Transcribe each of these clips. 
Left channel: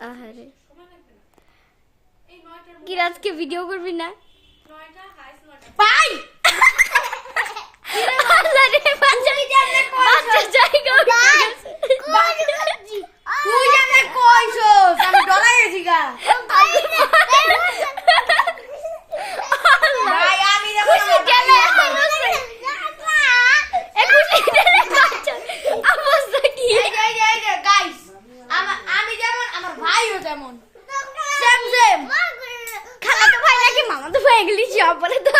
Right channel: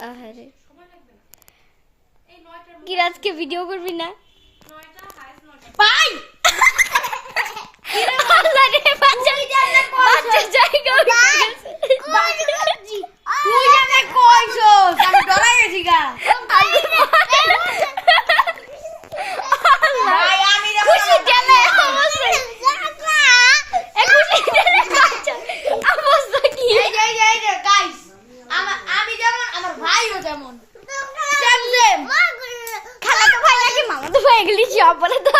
আহারে কি আজকে ভিডিও করবি না ভাই আল্লাহ রে বাচ্চার জায়গা তুই জানে কইছস আমি ডরাই গেছি গা ভাই আমি খুশি জানে অবস্থা অবস্থা কি এই যে গাইস আমি যেমন আমার ভাইও যেমন সেম সেম খালাতো ভাই নাকি মামাতো ভাই এগুলি সব বলে তো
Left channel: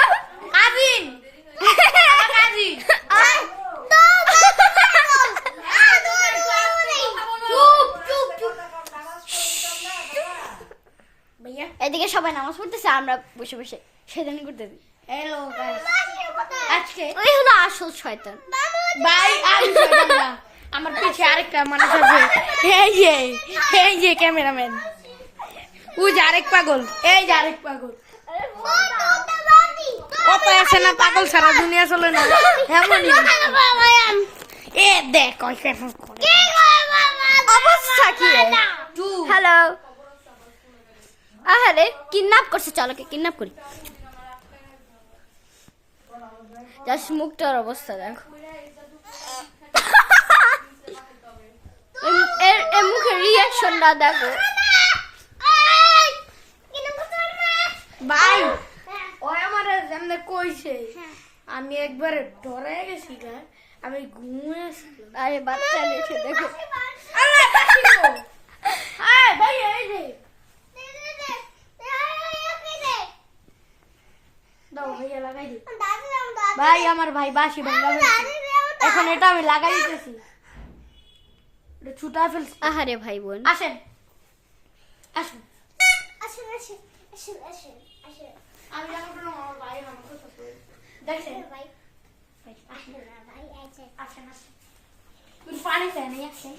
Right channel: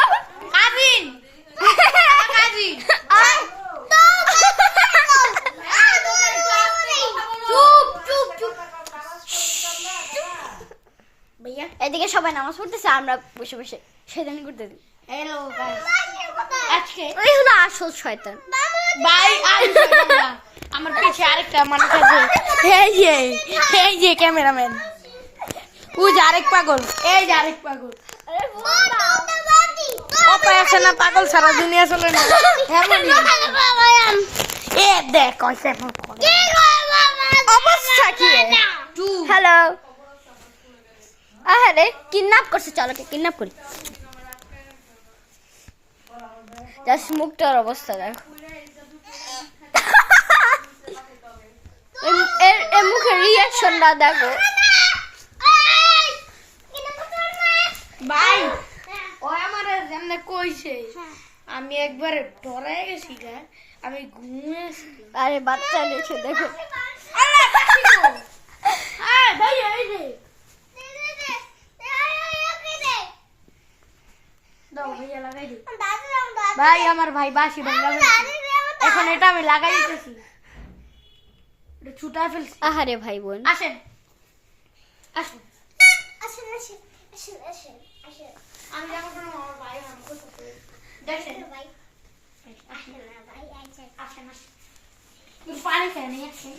কাজিন কাজিন আয় চুপ চুপ চুপ ভাইয়া এদিকে সবাই নামাজ পড়তেছে আমরা বসে বসে শয়তানি করতেছি হ্যালো গাইস আজকে ওই হলো আসল শয়তান ভাই আমি শয়তান না আমার পিছে আরেকটা মানুষ আছে এই যে ক্যামেরাম্যান ওই যে আরেক পাগল এই যে আরেক পাগল অপায় আছে না পাগল সারা দুনিয়া চলে না এ দেখ ওই কেমন করে অবস্থা কি হ্যালো আরে কিডন্যাপ করছে চলো কিডন্যাপ করি জাস্ট মুখটার অবস্থা দেখো এর মুখের রিয়াকশনটা দেখো ভাই ও আমার যেমন কইছে আমি একবার ডরাই গেছি গা আমি ঘুমিয়েছি আরে বাচ্চা নিয়েছে দেখো ভাই এই যে দাও ভাইয়া লাগাই দি ভাই আমার ভাই বাসি ভাঙা এখন এটা আমি লাগাই দিতেছি এটা ছুটা ফেলছি আহারে ভাই বোন আসেন আসেন আমি লাগাবো না আমার ভাই আমাকে সাথে দেখেন আসেন আসেন আসেন তুই পানি খাই নিয়ে আসেন